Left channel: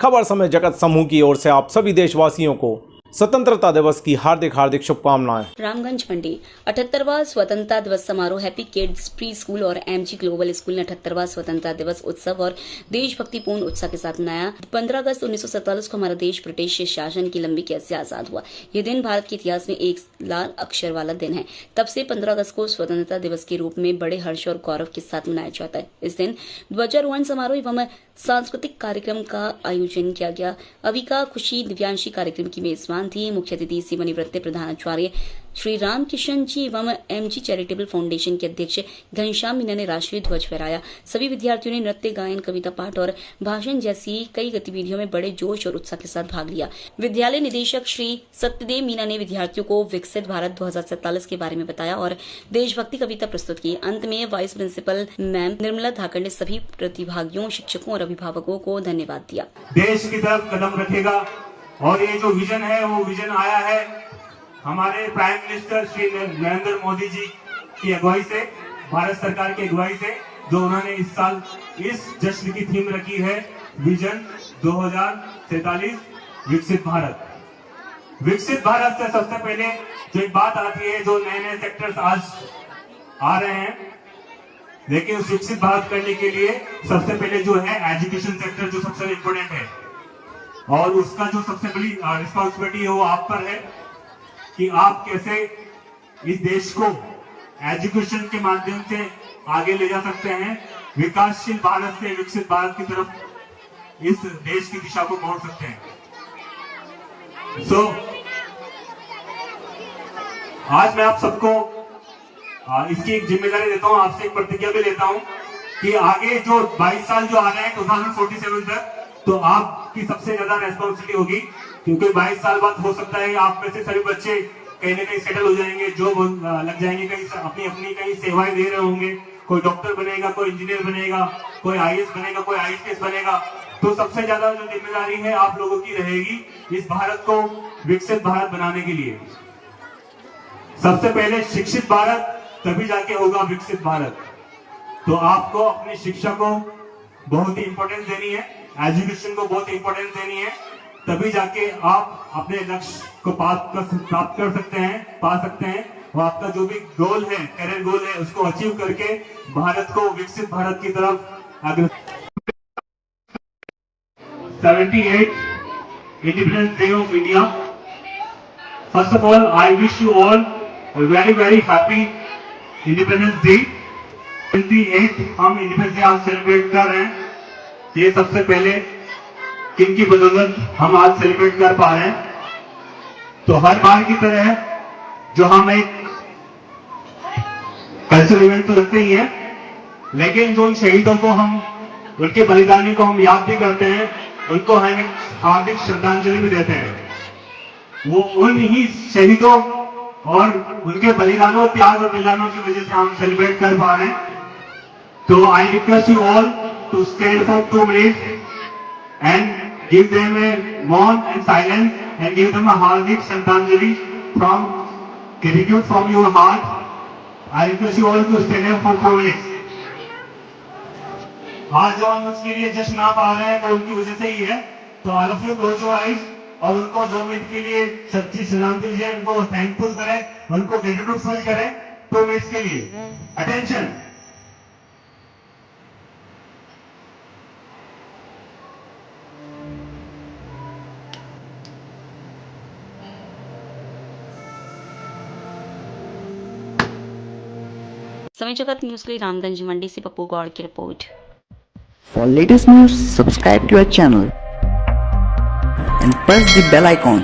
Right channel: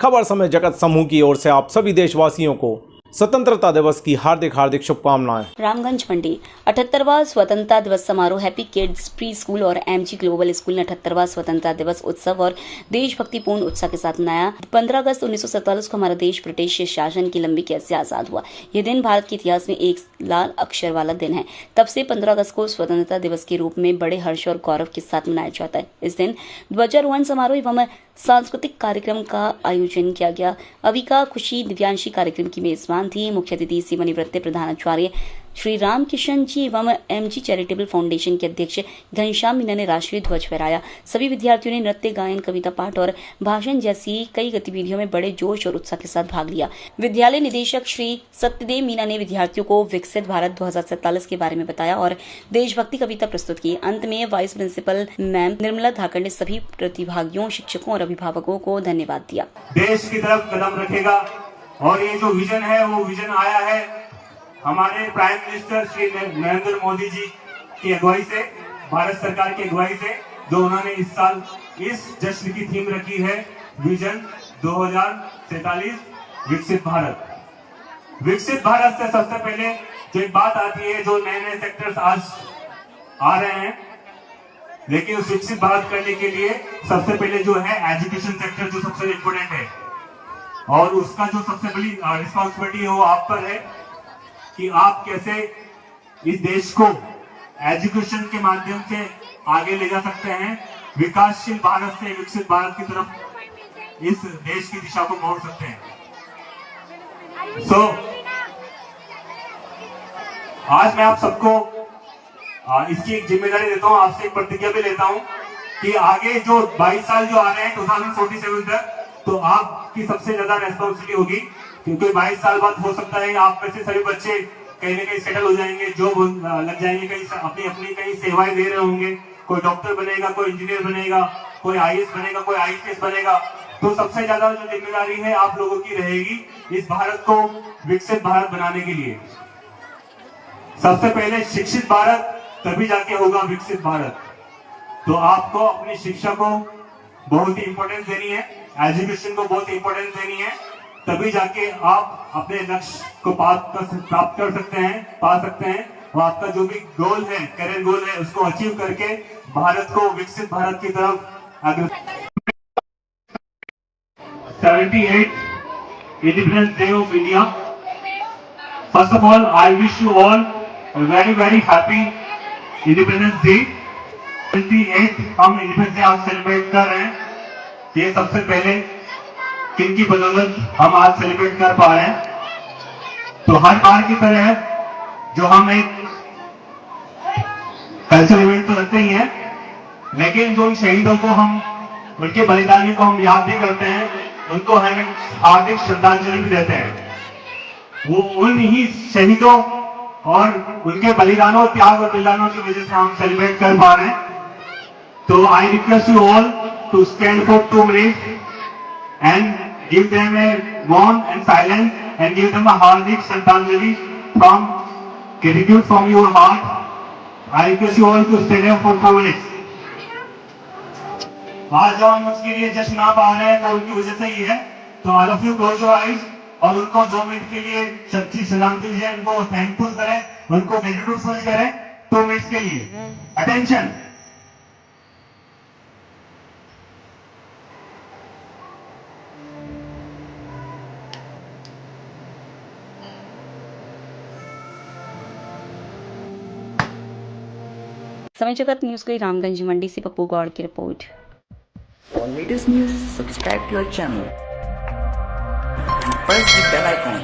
खबर समय जगत समूह की ओर से आप सभी देशवासियों को स्वतंत्रता दिवस की हार्दिक शुभकामनाएं। रामगंज मंडी 78वां स्वतंत्रता दिवस समारोह हैप्पी किड्स प्री स्कूल और एमजी ग्लोबल स्कूल ने 78वां स्वतंत्रता दिवस उत्सव और देशभक्तिपूर्ण उत्साह के साथ मनाया। 15 अगस्त 1947 को हमारा देश ब्रिटिश शासन की लंबी कैद से आजाद हुआ। यह दिन भारत के इतिहास में एक लाल अक्षर वाला दिन है। तब से 15 अगस्त को स्वतंत्रता दिवस के रूप में बड़े हर्ष और गौरव के साथ मनाया जाता है। इस दिन ध्वजारोहण समारोह एवं सांस्कृतिक कार्यक्रम का आयोजन किया गया। अविका खुशी दिव्यांशी कार्यक्रम की मेजबान थी। मुख्य अतिथि सेवानिवृत्त प्रधानाचार्य श्री राम किशन जी एवं एमजी चैरिटेबल फाउंडेशन के अध्यक्ष घनश्याम मीना ने राष्ट्रीय ध्वज फहराया। सभी विद्यार्थियों ने नृत्य, गायन, कविता पाठ और भाषण जैसी कई गतिविधियों में बड़े जोश और उत्साह के साथ भाग लिया। विद्यालय निदेशक श्री सत्यदेव मीना ने विद्यार्थियों को विकसित भारत 2047 के बारे में बताया और देशभक्ति कविता प्रस्तुत की। अंत में वाइस प्रिंसिपल मैम निर्मला धाकड़ ने सभी प्रतिभागियों, शिक्षकों और अभिभावकों को धन्यवाद दिया। देश की तरफ कदम रखेगा और ये जो विजन है वो विजन आया है हमारे प्राइम मिनिस्टर श्री नरेंद्र मोदी जी की अगुवाई से, भारत सरकार की अगुवाई से, जो उन्होंने इस साल इस जश्न की थीम रखी है विजन 2047 विकसित भारत। विकसित भारत से सबसे पहले जो एक बात आती है, जो नए नए सेक्टर्स आज आ रहे हैं, लेकिन उस विकसित भारत करने के लिए सबसे पहले जो है एजुकेशन सेक्टर जो सबसे इम्पोर्टेंट है और उसका जो सबसे बड़ी रिस्पॉन्सिबिलिटी है वो आप पर है कि आप कैसे इस देश को एजुकेशन के माध्यम से आगे ले जा सकते हैं, विकासशील भारत से विकसित भारत की तरफ इस देश की दिशा को मोड़ सकते हैं। आज मैं आप सबको इसकी एक जिम्मेदारी देता हूं, आपसे एक प्रतिज्ञा भी लेता हूं कि आगे जो 22 साल जो आ रहे हैं 2047 तक, तो आपकी सबसे ज्यादा रेस्पॉन्सिबिलिटी होगी, क्योंकि 22 साल बाद हो सकता है आप में से सभी बच्चे कहीं ना कहीं सेटल हो जाएंगे, जॉब लग जाएंगे, कहीं अपनी कहीं सेवाएं दे रहे होंगे। कोई डॉक्टर बनेगा, कोई इंजीनियर बनेगा, कोई आईएएस बनेगा, कोई आईपीएस बनेगा। तो सबसे ज्यादा जो जिम्मेदारी है आप लोगों की रहेगी इस भारत को विकसित भारत बनाने के लिए। सबसे पहले शिक्षित भारत, तभी जाके होगा विकसित भारत। तो आपको अपनी शिक्षा को बहुत ही इंपॉर्टेंस देनी है, एजुकेशन को बहुत ही इंपॉर्टेंस देनी है, तभी जाके आप अपने लक्ष्य को प्राप्त कर सकते हैं, पा सकते हैं और आपका जो भी गोल है, करियर गोल है, उसको अचीव करके भारत को विकसित भारत की तरफ आगे। 78 Independence Day of India. First of all, I wish you all a very happy Independence Day. 28 हम इंडिपेंडेंस डे आज सेलिब्रेट कर रहे हैं। ये सबसे पहले किनकी बदौलत हम आज सेलिब्रेट कर पा रहे हैं। तो हर बार की तरह जो हम एक कल्चरल इवेंट तो रखते ही हैं, लेकिन जो शहीदों को हम, उनके बलिदानियों को हम याद भी करते हैं, उनको हम एक हार्दिक श्रद्धांजलि भी देते हैं। वो उन ही शहीदों और उनके बलिदानों, त्याग और बलिदानों की वजह से हम सेलिब्रेट कर पा रहे हैं। तो I request you all to stand for 2 minutes and give them a warm and silent and give them a hardik Shraddhanjali from gratitude from your heart. I request you all to stand up for 4 minutes. आज जो हम उसके लिए जश्न मना पा रहे हैं वो उनकी वजह से ही है। तो all of you close your eyes और उनको 2 मिनट के लिए सच्ची श्रद्धांजलि दीजिए, उनको थैंकफुल करें, उनको ग्रेटिट्यूड फील करें 2 मिनट्स के लिए। अटेंशन। समय जगत न्यूज के लिए रामगंज मंडी से पप्पू गौड़ की report. For latest news, subscribe to our channel and press the bell icon.